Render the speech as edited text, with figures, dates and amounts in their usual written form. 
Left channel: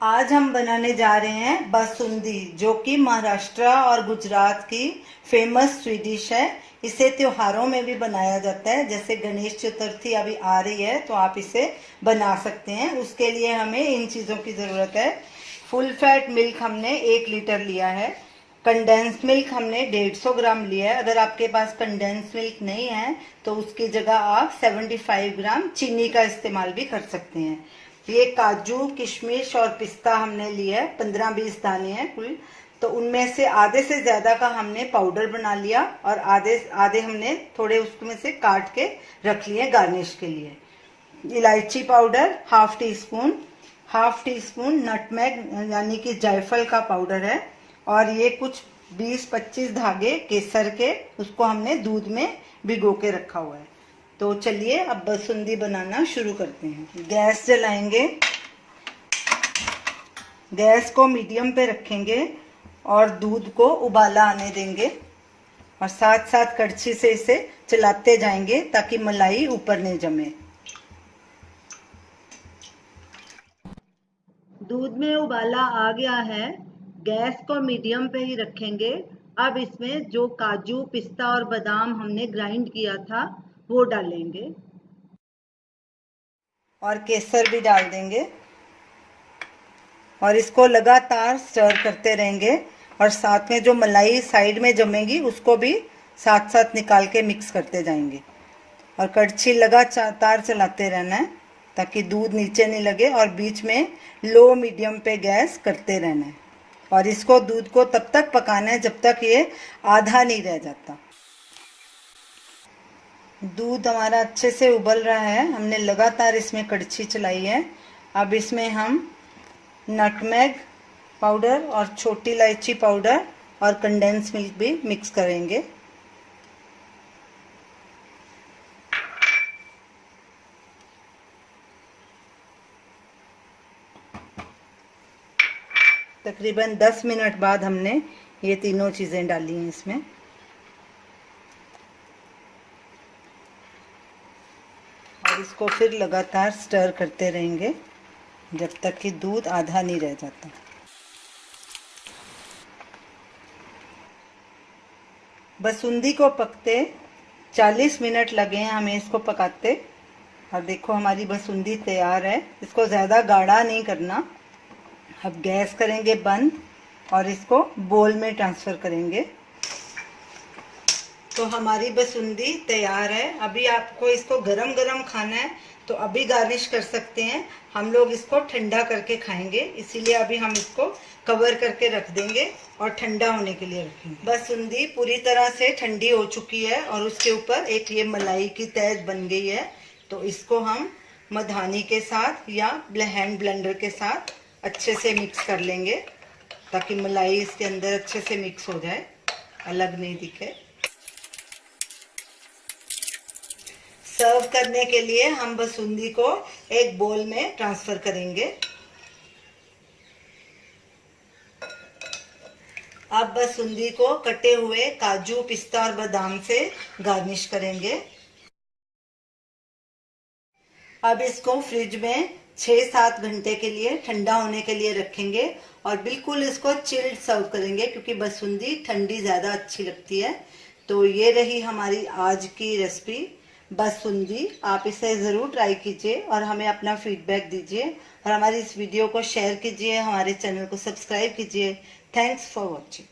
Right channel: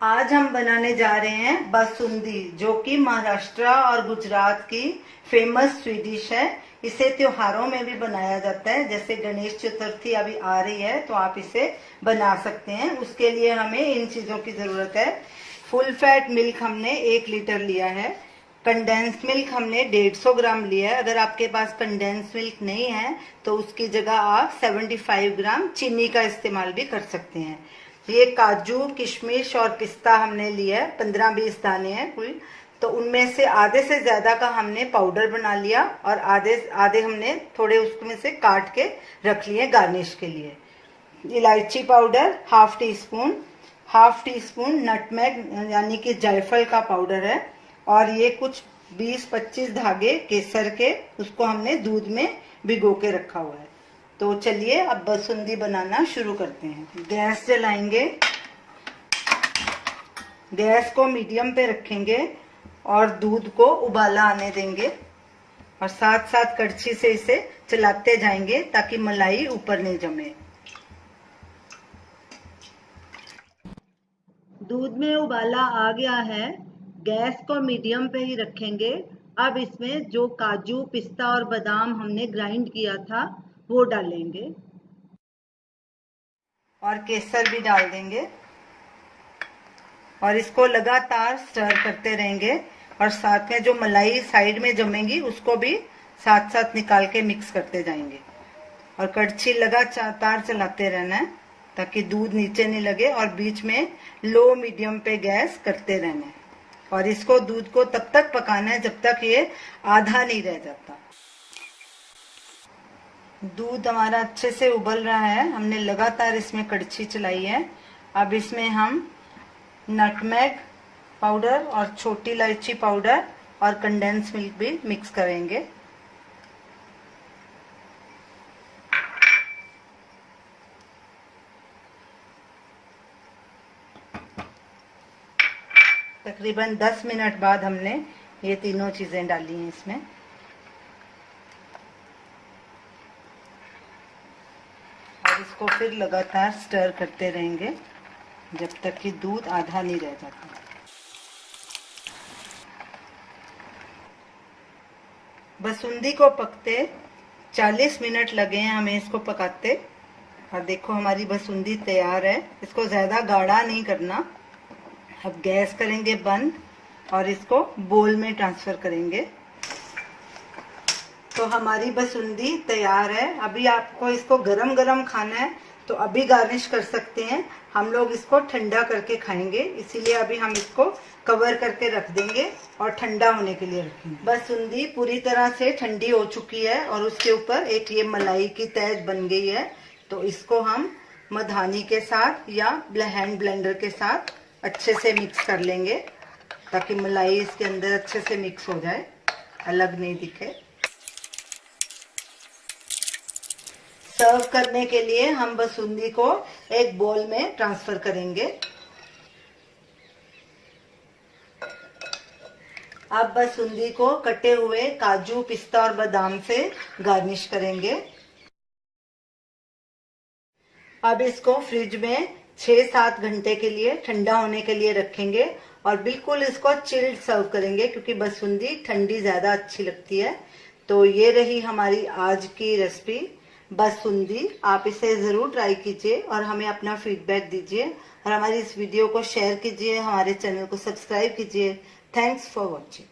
आज हम बनाने जा रहे हैं बासुंदी, जो कि महाराष्ट्र और गुजरात की फेमस स्वीट डिश है। इसे त्योहारों में भी बनाया जाता है, जैसे गणेश चतुर्थी अभी आ रही है तो आप इसे बना सकते हैं। उसके लिए हमें इन चीज़ों की ज़रूरत है। फुल फैट मिल्क हमने 1 लीटर लिया है। कंडेंस मिल्क हमने 150 ग्राम लिया है। अगर आपके पास कंडेंस मिल्क नहीं है तो उसकी जगह आप 75 ग्राम चीनी का इस्तेमाल भी कर सकते हैं। ये काजू, किशमिश और पिस्ता हमने लिया है, 15-20 दाने हैं कुल। तो उनमें से आधे से ज्यादा का हमने पाउडर बना लिया और आधे आधे हमने थोड़े उसमें से काट के रख लिए गार्निश के लिए। इलायची powder half tea spoon nutmeg यानी कि जायफल का पाउडर है, और ये कुछ 20-25 धागे केसर के, उसको हमने दूध में भिगो के रखा हुआ है। तो चलिए अब बासुंदी बनाना शुरू करते हैं। गैस जलाएंगे, गैस को मीडियम पे रखेंगे और दूध को उबाला आने देंगे, और साथ साथ कड़छी से इसे चलाते जाएंगे ताकि मलाई ऊपर नहीं जमे। दूध में उबाला आ गया है, गैस को मीडियम पे ही रखेंगे। अब इसमें जो काजू, पिस्ता और बादाम हमने ग्राइंड किया था वो डालेंगे, और केसर भी डाल देंगे, और इसको लगातार स्टर करते रहेंगे। और साथ में जो मलाई साइड में जमेगी उसको भी साथ साथ निकाल के मिक्स करते जाएंगे, और कड़छी लगातार चलाते रहना है ताकि दूध नीचे नहीं लगे, और बीच में लो मीडियम पे गैस करते रहना है। और इसको दूध को तब तक पकाना है जब तक ये आधा नहीं रह जाता। दूध हमारा अच्छे से उबल रहा है, हमने लगातार इसमें कड़छी चलाई है। अब इसमें हम नटमेग पाउडर और छोटी इलायची पाउडर और कंडेंस मिल्क भी मिक्स करेंगे। तकरीबन 10 मिनट बाद हमने ये तीनों चीज़ें डाली हैं इसमें। और इसको फिर लगातार स्टर करते रहेंगे जब तक कि दूध आधा नहीं रह जाता। बासुंदी को पकते 40 मिनट लगे हैं हमें इसको पकाते। और देखो हमारी बासुंदी तैयार है। इसको ज़्यादा गाढ़ा नहीं करना। अब गैस करेंगे बंद और इसको बोल में ट्रांसफ़र करेंगे। तो हमारी बासुंदी तैयार है। अभी आपको इसको गरम गरम खाना है तो अभी गार्निश कर सकते हैं। हम लोग इसको ठंडा करके खाएंगे, इसीलिए अभी हम इसको कवर करके रख देंगे और ठंडा होने के लिए रखेंगे। बासुंदी पूरी तरह से ठंडी हो चुकी है और उसके ऊपर एक ये मलाई की तह बन गई है। तो इसको हम मधानी के साथ या हैंड ब्लेंडर के साथ अच्छे से मिक्स कर लेंगे ताकि मलाई इसके अंदर अच्छे से मिक्स हो जाए, अलग नहीं दिखे। सर्व करने के लिए हम बासुंदी को एक बोल में ट्रांसफर करेंगे। अब बासुंदी को कटे हुए काजू, पिस्ता और बादाम से गार्निश करेंगे। अब इसको फ्रिज में 6-7 घंटे के लिए ठंडा होने के लिए रखेंगे, और बिल्कुल इसको चिल्ड सर्व करेंगे क्योंकि बासुंदी ठंडी ज़्यादा अच्छी लगती है। तो ये रही हमारी आज की रेसिपी बासुंदी। आप इसे ज़रूर ट्राई कीजिए और हमें अपना फीडबैक दीजिए, और हमारी इस वीडियो को शेयर कीजिए, हमारे चैनल को सब्सक्राइब कीजिए। Thanks for watching.